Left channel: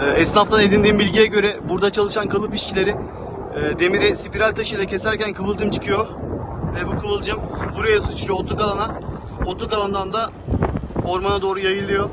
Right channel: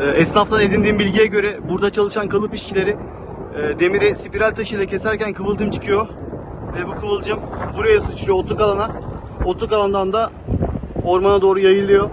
Esnaftan edindiğim bilgiye göre burada çalışan kalıp işçileri demiri spiral taşıyla keserken kıvılcım çıkıyor. Ve bu kıvılcım buraya sıçrıyor, otluk alana. Otluk alandan da ormana doğru yayılıyor.